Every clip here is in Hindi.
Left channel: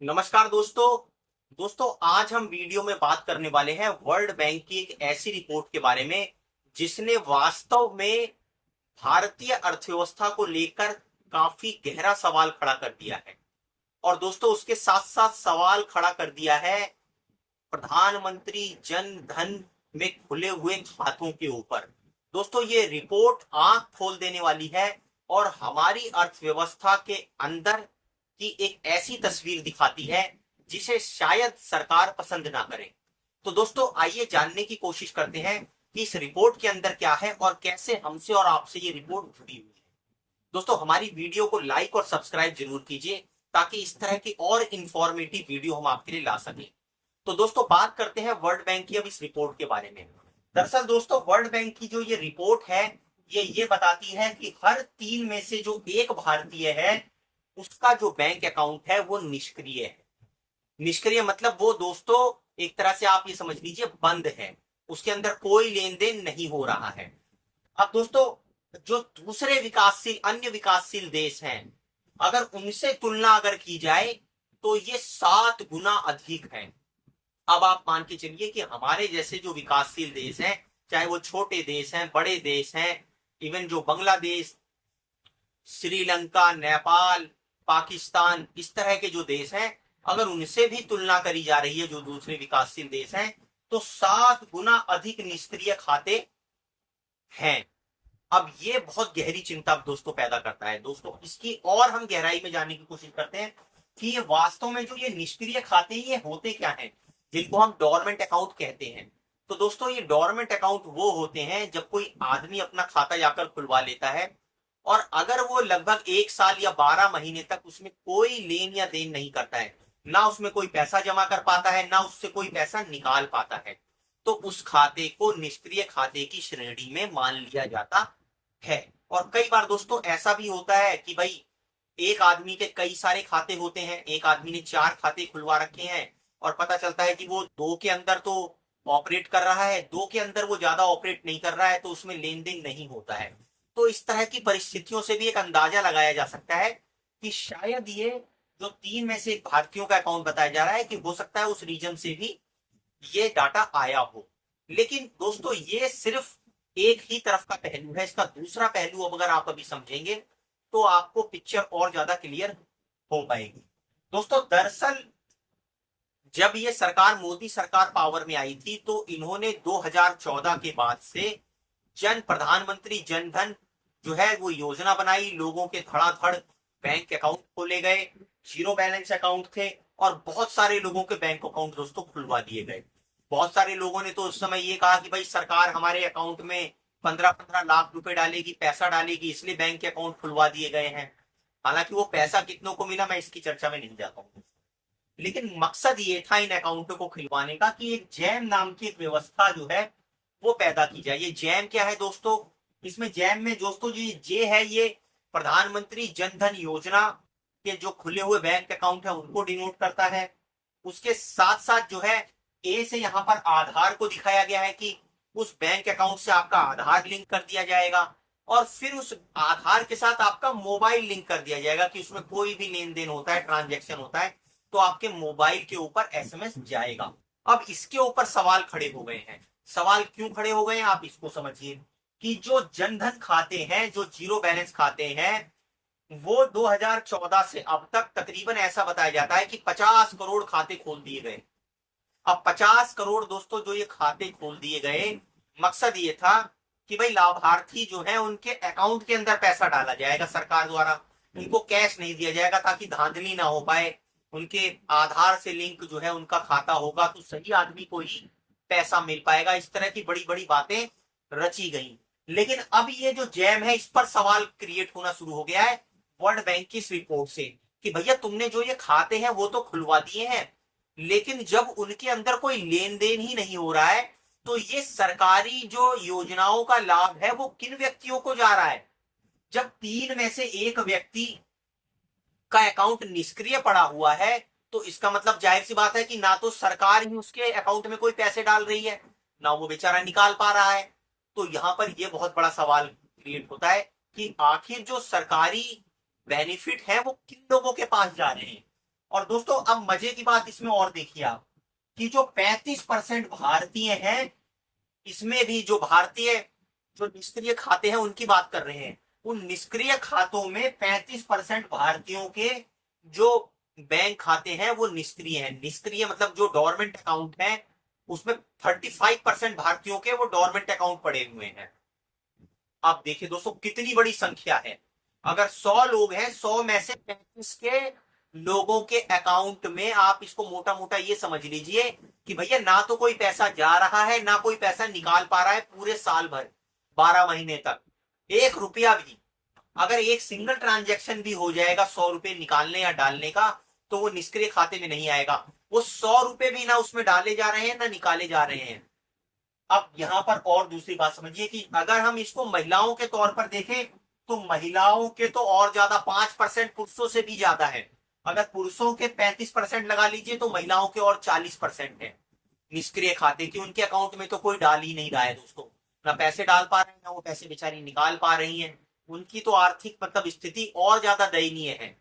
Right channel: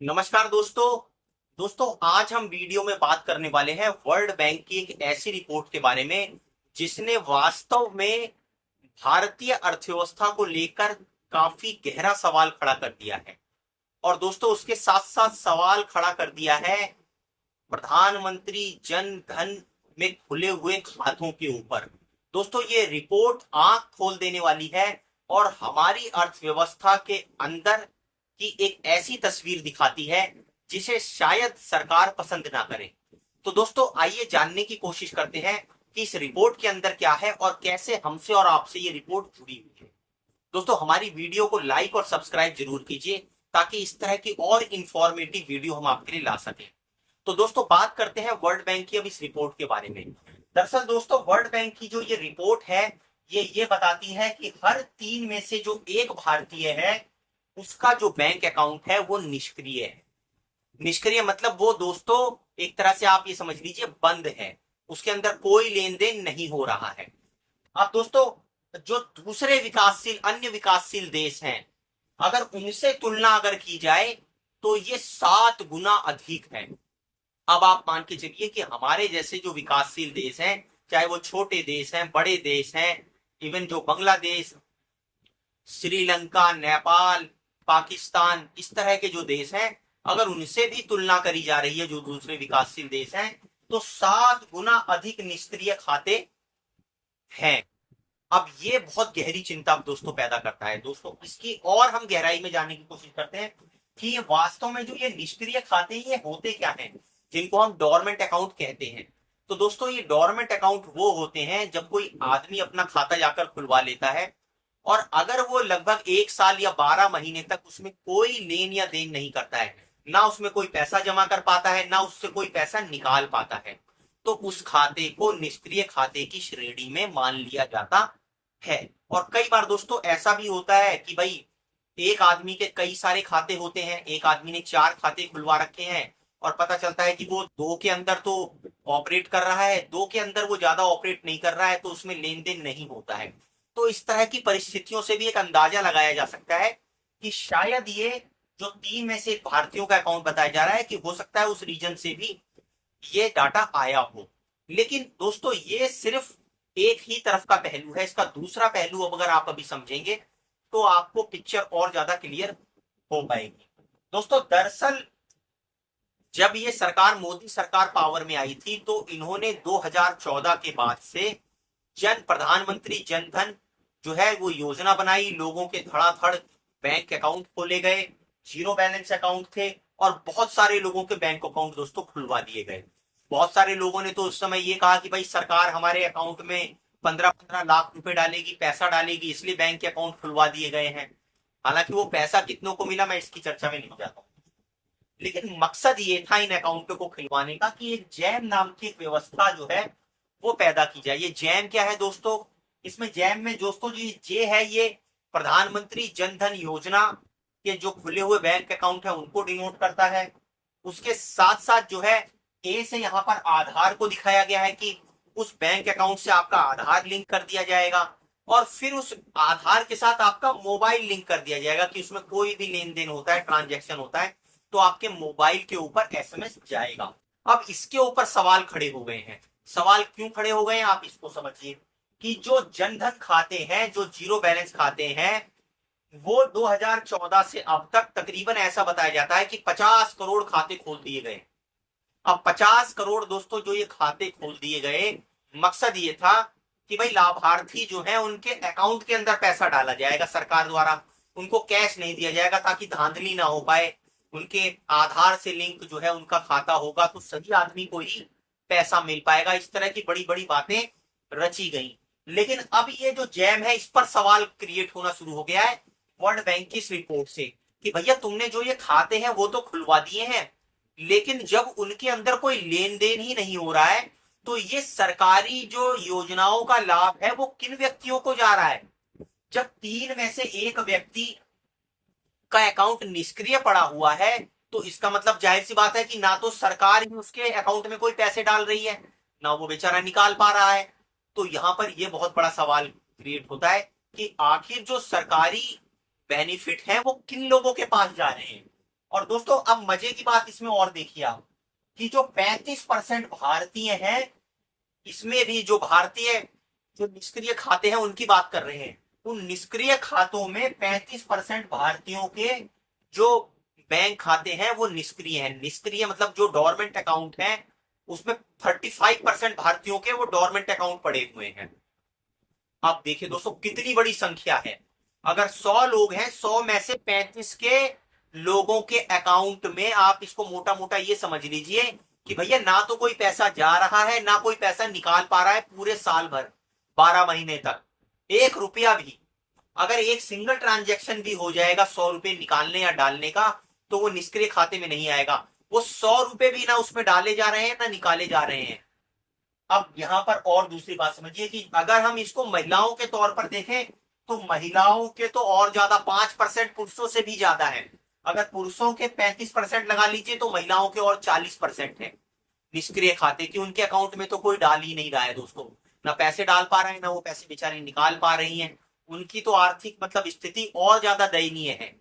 नमस्कार दोस्तों आज हम वीडियो में बात करने वाले हैं वर्ल्ड बैंक की एक ऐसी रिपोर्ट के बारे में जिसने वास्तव में भारतीय अर्थव्यवस्था को लेकर काफी गहरा सवाल खड़ा कर दिया है। और दोस्तों उसके साथ साथ सवाल खड़ा कर दिया है प्रधानमंत्री जन धन में खुले हुए खातों के ऊपर। दोस्तों ये रिपोर्ट आंख खोल देने वाली है और हमारी अर्थव्यवस्था के अंदर की एक ऐसी तस्वीर दिखाती है जिसे शायद सरकार पसंद ना करे। तो दोस्तों आइए जानने की कोशिश करते हैं कि इस रिपोर्ट के अंदर क्या है और कैसे हमसे और आपसे ये रिपोर्ट जुड़ी हुई है। दोस्तों हमारी वीडियो को लाइक और सब्सक्राइब जरूर कीजिए ताकि इस तरह की और इंफॉर्मेटिव वीडियो हम आपके लिए ला सकें। तो दोस्तों बात करते हैं वर्ल्ड बैंक की अब इस रिपोर्ट के बारे में। दरअसल दोस्तों वर्ल्ड बैंक की जो ये रिपोर्ट है ये बताती है कि हर 3 में से जो एक भारतीय है उसका जो बैंक अकाउंट है वो निष्क्रिय है। निष्क्रिय मतलब वो दोस्तों एक तरह से आप ये समझ लीजिए बंद है, उसके अंदर कोई लेन देन नहीं हो रहा है। अब दोस्तों जो दूसरे विकासशील अन्य विकासशील देश हैं अगर उनसे तुलना अगर की जाए तो ये 7 गुना अधिक है। अब आप मान के चलिए कि हमारे जैसे जो विकासशील देश हैं, चाहे वो छोटे देश हैं बड़े देश हैं, इवन जो बांग्लादेश, श्रीलंका, नेपाल, पाकिस्तान, इस तरह के जो देश हैं अगर उनसे भी तुलना करी जा रही है जो दूसरे विकासशील देश हैं तो 7 गुना अधिक निष्क्रिय खाते हैं। अब ये बहुत गहरी चिंता दोस्तों पैदा करता है। दोस्तों इसकी और हम गहराई में जानने की कोशिश करते हैं कि ये वास्तव में जो ये निष्क्रिय खाते ये होते क्या हैं, जिनको हम डोरमेंट अकाउंट कहते हैं। तो दोस्तों ये डोरमेंट अकाउंट वो होते हैं जब कोई आदमी अपना खाता जाकर खुलवा लेता है और अगर वो लगभग 1 साल या 12 महीने तक उसमें कोई लेन या देन नहीं करता है, ना उसमें कोई पैसा जमा कर पाता है ना उससे कोई पैसा निकाल पाता है, तो उस खाते को निष्क्रिय खाते की श्रेणी में मान लिया जाता है। और कई बार दोस्तों ऐसा भी होता है कि भाई एक आदमी के कई सारे खाते होते हैं, एक आदमी ने 4 खाते खुलवा रखे हैं और पता चलता है कि वो 2 के अंदर तो ऑपरेट कर रहा है, 2 के अंदर वो ज्यादा ऑपरेट नहीं कर रहा है, तो उसमें लेन देन नहीं होता है। तो इस तरह की परिस्थितियों से भी एक अंदाजा लगाया जा सकता है कि शायद ये जो 3 में से एक भारतीयों का अकाउंट बताया जा रहा है कि हो सकता है उस रीजन से भी ये डाटा आया हो। लेकिन दोस्तों ये सिर्फ एक ही तरफ का पहलू है, इसका दूसरा पहलू अब अगर आप अभी समझेंगे तो आपको पिक्चर और ज्यादा क्लियर हो पाएगी। दोस्तों दरअसल जब ये सरकार मोदी सरकार पावर में आई थी तो इन्होंने 2014 के बाद से प्रधानमंत्री जन धन जो है वो योजना बनाई, लोगों के धड़ाधड़ बैंक अकाउंट खोले गए, जीरो बैलेंस अकाउंट थे और बहुत सारे लोगों के बैंक अकाउंट दोस्तों खुलवा दिए गए। बहुत सारे लोगों ने तो उस समय ये कहा कि भाई सरकार हमारे अकाउंट में 15-15 लाख रुपए डालेगी, पैसा डालेगी, इसलिए बैंक के अकाउंट खुलवा दिए गए हैं। हालांकि वो पैसा कितनों को मिला मैं इसकी चर्चा में नहीं जाता हूँ, लेकिन मकसद ये था इन अकाउंटों को खुलवाने का कि एक जैम नाम की एक व्यवस्था जो है वो पैदा की जाए। ये जैम क्या है दोस्तों, इसमें जैम में दोस्तों जो जे है ये प्रधानमंत्री जन धन योजना के जो खुले हुए बैंक अकाउंट है उनको डिनोट करता है। उसके साथ साथ जो है ए से यहाँ पर आधार को दिखाया गया है कि उस बैंक अकाउंट से आपका आधार लिंक कर दिया जाएगा और फिर उस आधार के साथ आपका मोबाइल लिंक कर दिया जाएगा कि उसमें कोई भी लेन देन होता है, ट्रांजैक्शन होता है तो आपके मोबाइल के ऊपर एसएमएस जाएगा। अब इसके ऊपर सवाल खड़े हो गए हैं। सवाल क्यों खड़े हो गए हैं आप इसको समझिए कि जो जनधन खाते हैं, जो जीरो बैलेंस खाते हैं, वो 2014 से अब तक तकरीबन ऐसा बताया जाता है कि 50 करोड़ खाते खोल दिए गए। अब 50 करोड़ दोस्तों जो ये खाते खोल दिए गए, मकसद ये था कि भाई लाभार्थी जो है उनके अकाउंट के अंदर पैसा डाला जाएगा सरकार द्वारा, उनको कैश नहीं दिया जाएगा ताकि धांधली ना हो पाए। उनके आधार से लिंक जो है उनका खाता होगा तो सही आदमी को ही पैसा मिल पाएगा। इस तरह की बड़ी बड़ी बातें रची गई। लेकिन अब ये जो जैम है इस पर सवाल क्रिएट होना शुरू हो गया है वर्ल्ड बैंक की इस रिपोर्ट से कि भैया तुमने जो ये खाते हैं वो तो खुलवा दिए हैं, लेकिन जब उनके अंदर कोई लेन देन ही नहीं हो रहा है तो ये सरकारी जो योजनाओं का लाभ है वो किन व्यक्तियों को जा रहा है। जब 3 में से एक व्यक्ति का अकाउंट निष्क्रिय पड़ा हुआ है तो इसका मतलब जाहिर सी बात है कि ना तो सरकार ही उसके अकाउंट में कोई पैसे डाल रही है, ना वो बेचारा निकाल पा रहा है। तो यहां पर यह बहुत बड़ा सवाल क्रिएट होता है कि आखिर जो सरकारी बेनिफिट है वो किन लोगों के पास जा रहे हैं और दोस्तों अब मजे की बात इसमें और देखिए आप कि जो 35% भारतीय हैं, इसमें भी जो भारतीय जो निष्क्रिय खाते हैं उनकी बात कर रहे हैं। उन निष्क्रिय खातों में 35% भारतीयों के जो बैंक खाते हैं वो निष्क्रिय हैं। निष्क्रिय मतलब जो डोरमेंट अकाउंट है, उसमें 35% भारतीयों के वो डोरमेंट अकाउंट पड़े हुए हैं। आप देखिए दोस्तों कितनी बड़ी संख्या है। अगर 100 लोग हैं, 100 में से 35 के लोगों के अकाउंट में आप इसको मोटा मोटा ये समझ लीजिए कि भैया ना तो कोई पैसा जा रहा है ना कोई पैसा निकाल पा रहा है पूरे साल भर, 12 महीने तक। 1 रुपया भी अगर एक सिंगल ट्रांजैक्शन भी हो जाएगा 100 रुपए निकालने या डालने का, तो वो निष्क्रिय खाते में नहीं आएगा। वो 100 रुपए भी ना उसमें डाले जा रहे हैं ना निकाले जा रहे हैं। अब यहां पर और दूसरी बात समझिए कि अगर हम इसको महिलाओं के तौर पर देखें तो महिलाओं के तो और ज्यादा, 5% पुरुषों से भी ज्यादा है। अगर पुरुषों के 35% लगा लीजिए तो महिलाओं के और 40% है निष्क्रिय खाते की। उनके अकाउंट में तो कोई डाल ही नहीं रहा है दोस्तों, ना पैसे डाल पा रहे हैं ना वो पैसे बेचारी निकाल पा रही हैं। उनकी तो आर्थिक मतलब स्थिति और ज्यादा दयनीय है।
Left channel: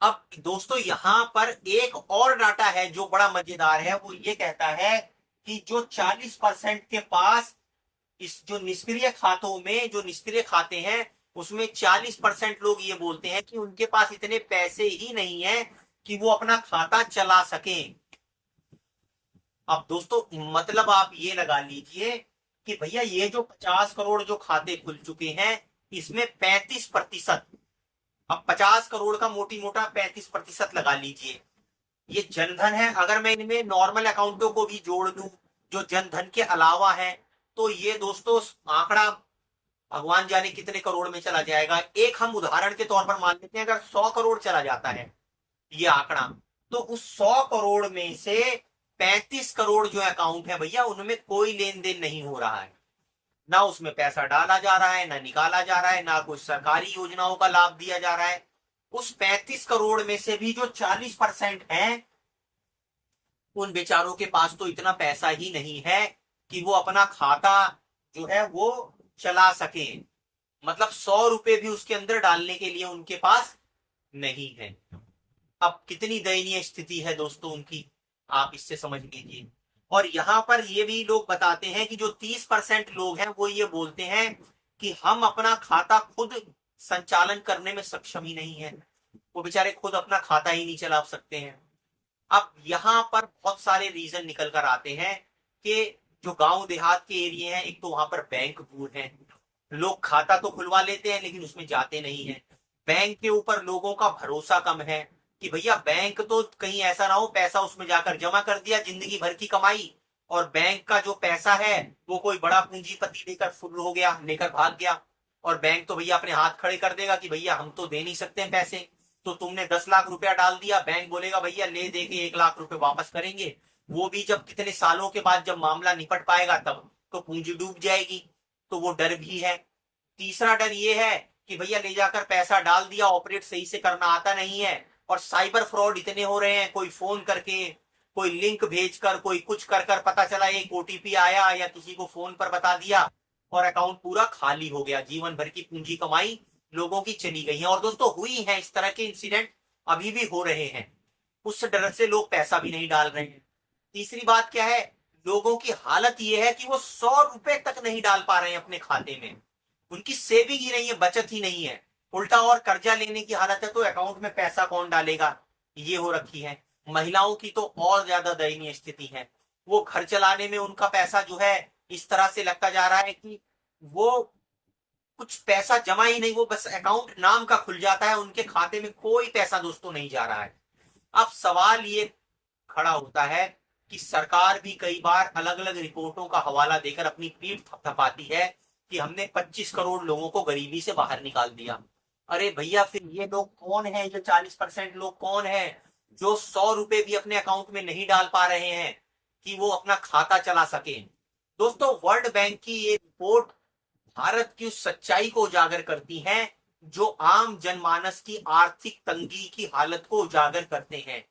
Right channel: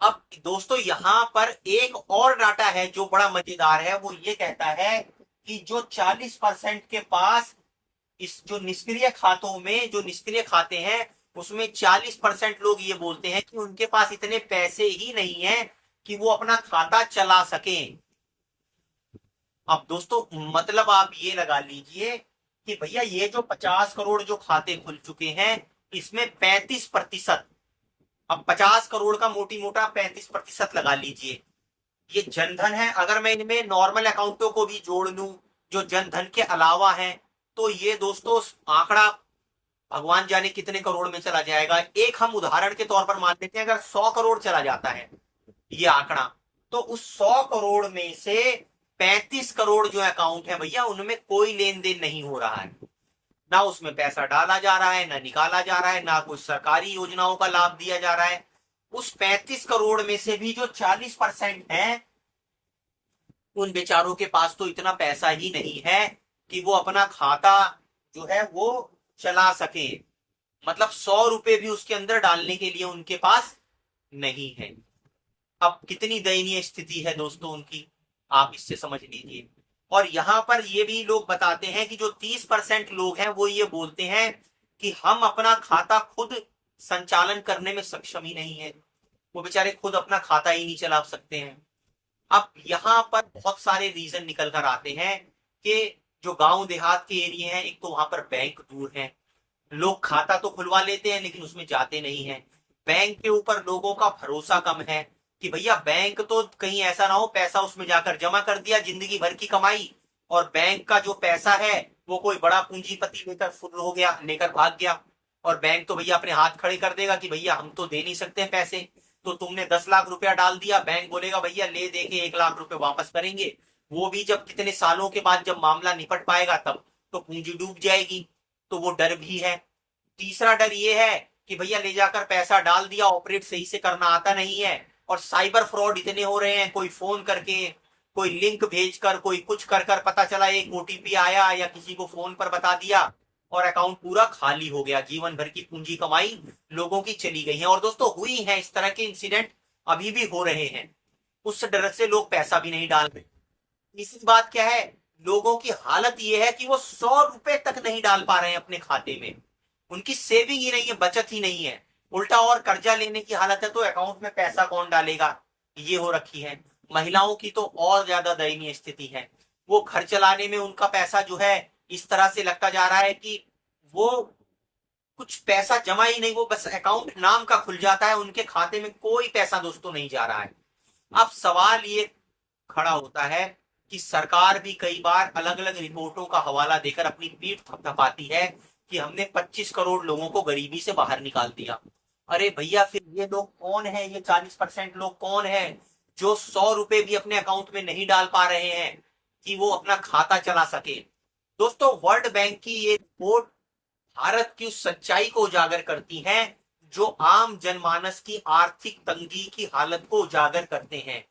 अब दोस्तों यहां पर एक और डाटा है जो बड़ा मजेदार है, वो ये कहता है कि जो 40% के पास इस जो निष्क्रिय खातों में जो निष्क्रिय खाते हैं उसमें 40% लोग ये बोलते हैं कि उनके पास इतने पैसे ही नहीं है कि वो अपना खाता चला सकें। अब दोस्तों मतलब आप ये लगा लीजिए कि भैया ये जो 50 करोड़ जो खाते खुल चुके हैं इसमें 35%, अब 50 करोड़ का मोटी मोटा 35% लगा लीजिए, ये जनधन है। अगर मैं इनमें नॉर्मल अकाउंटों को भी जोड़ लूं जो जनधन के अलावा है, तो ये दोस्तों आंकड़ा भगवान जाने कितने करोड़ में चला जाएगा। एक हम उदाहरण के तौर पर मान लेते हैं अगर 100 करोड़ चला जाता है ये आंकड़ा, तो उस 100 करोड़ में से 35 करोड़ जो अकाउंट है भैया उनमें कोई लेन देन नहीं हो रहा है, ना उसमें पैसा डाला जा रहा है ना निकाला जा रहा है, ना कोई सरकारी योजनाओं का लाभ दिया जा रहा है। उस 35 करोड़ में से भी जो 40% है उन बेचारों के पास तो इतना पैसा ही नहीं है कि वो अपना खाता जो है वो चला सके। मतलब 100 रुपए भी उसके अंदर डालने के लिए उनके पास नहीं है। अब कितनी दयनीय स्थिति है दोस्तों उनकी, आप इससे समझ लीजिए। और यहां पर ये भी लोग बताते हैं कि जो 30% लोग हैं वो ये बोलते हैं कि हम अपना खाता खुद संचालन करने में सक्षम ही नहीं है, वो बेचारे खुद अपना खाता ही नहीं चला सकते हैं। अब यहां पर बहुत सारे रीजन निकल कर आते हैं कि जो गांव देहात के एरिया हैं, एक तो वहां पर बैंक दूर है, लोग खाता तो खुलवा लेते हैं लेकिन उसमें जाते नहीं है। बैंक के ऊपर लोगों का भरोसा कम है कि भैया बैंक तो कहीं ऐसा ना हो पैसा उसमें जाकर जमा कर दिया जिंदगी भर की कमाई, और बैंक का जो पैसा है वो कोई बड़ा पूंजीपति लेकर फुल हो गया, लेकर भाग गया, और बैंक तो भैया अपने हाथ खड़े कर देगा कि भैया हम तो दे नहीं सकते हैं पैसे। तो तुमने 10 लाख रुपया डाल दिया, बैंक बोलेगा भैया ले दे के 1 लाख रुपए वापस करेंगे, वो भी जब कितने सालों के बाद जब मामला निपट पाएगा तब तो पूंजी डूब जाएगी। तो वो डर भी है। तीसरा डर ये है कि भैया ले जाकर पैसा डाल दिया, ऑपरेट सही से करना आता नहीं है, और साइबर फ्रॉड इतने हो रहे हैं, कोई फोन करके कोई लिंक भेजकर कोई कुछ कर कर पता चला एक ओटीपी आया या किसी को फोन पर बता दिया और अकाउंट पूरा खाली हो गया, जीवन भर की पूंजी कमाई लोगों की चली गई है। और दोस्तों हुई है इस तरह के इंसिडेंट, अभी भी हो रहे हैं, उस डर से लोग पैसा भी नहीं डाल रहे हैं। तीसरी बात क्या है, लोगों की हालत यह है कि वो 100 रुपए तक नहीं डाल पा रहे हैं अपने खाते में, उनकी सेविंग ही नहीं है, बचत ही नहीं है, उल्टा और कर्जा लेने की हालत है, तो अकाउंट में पैसा कौन डालेगा, ये हो रखी है। महिलाओं की तो और ज्यादा दयनीय स्थिति है, वो घर चलाने में उनका पैसा जो है इस तरह से लगता जा रहा है कि वो कुछ पैसा जमा ही नहीं, वो बस अकाउंट नाम का खुल जाता है, उनके खाते में कोई पैसा दोस्तों नहीं जा रहा है। अब सवाल ये खड़ा होता है कि सरकार भी कई बार अलग अलग रिपोर्टों का हवाला देकर अपनी पीठ थपथपाती है कि हमने 25 करोड़ लोगों को गरीबी से बाहर निकाल दिया। अरे भैया फिर ये लोग कौन है, ये 40% लोग कौन है जो 100 रुपए भी अपने अकाउंट में नहीं डाल पा रहे हैं कि वो अपना खाता चला सके। दोस्तों वर्ल्ड बैंक की ये रिपोर्ट भारत की उस सच्चाई को उजागर करती है जो आम जनमानस की आर्थिक तंगी की हालत को उजागर करते हैं,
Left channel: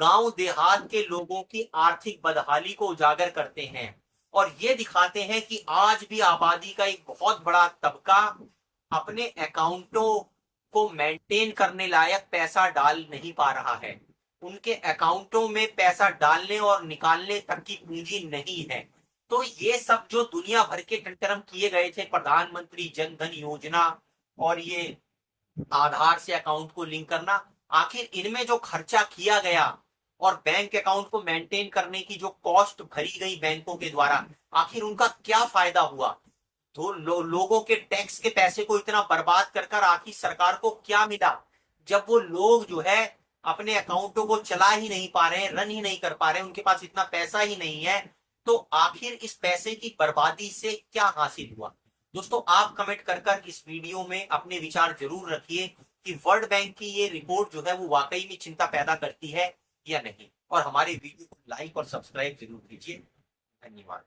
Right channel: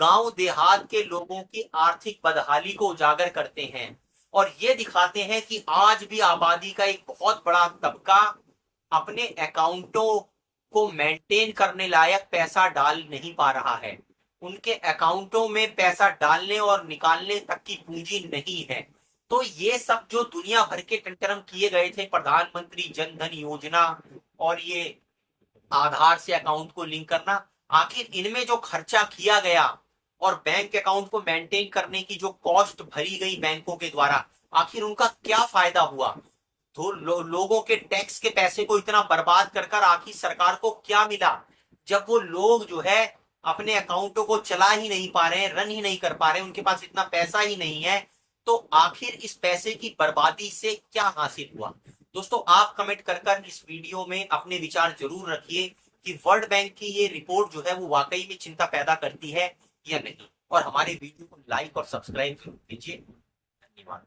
गांव देहात के लोगों की आर्थिक बदहाली को उजागर करते हैं, और ये दिखाते हैं कि आज भी आबादी का एक बहुत बड़ा तबका अपने अकाउंटों को मेंटेन करने लायक पैसा डाल नहीं पा रहा है। उनके अकाउंटों में पैसा डालने और निकालने तक की पूंजी नहीं है। तो ये सब जो दुनिया भर के टंटरम किए गए थे, प्रधानमंत्री जन धन योजना और ये आधार से अकाउंट को लिंक करना, आखिर इनमें जो खर्चा किया गया और बैंक अकाउंट को मेंटेन करने की जो कॉस्ट भरी गई बैंकों के द्वारा, आखिर उनका क्या फायदा हुआ? तो लोगों के टैक्स के पैसे को इतना बर्बाद कर कर आखिर सरकार को क्या मिला, जब वो लोग जो है अपने अकाउंटों को चला ही नहीं पा रहे हैं, रन ही नहीं कर पा रहे हैं, उनके पास इतना पैसा ही नहीं है। तो आखिर इस पैसे की बर्बादी से क्या हासिल हुआ? दोस्तों, आप कमेंट कर कर इस वीडियो में अपने विचार जरूर रखिए कि वर्ल्ड बैंक की ये रिपोर्ट जो है वो वाकई में चिंता पैदा करती है या नहीं। और हमारे वीडियो को लाइक और सब्सक्राइब जरूर कीजिए। धन्यवाद।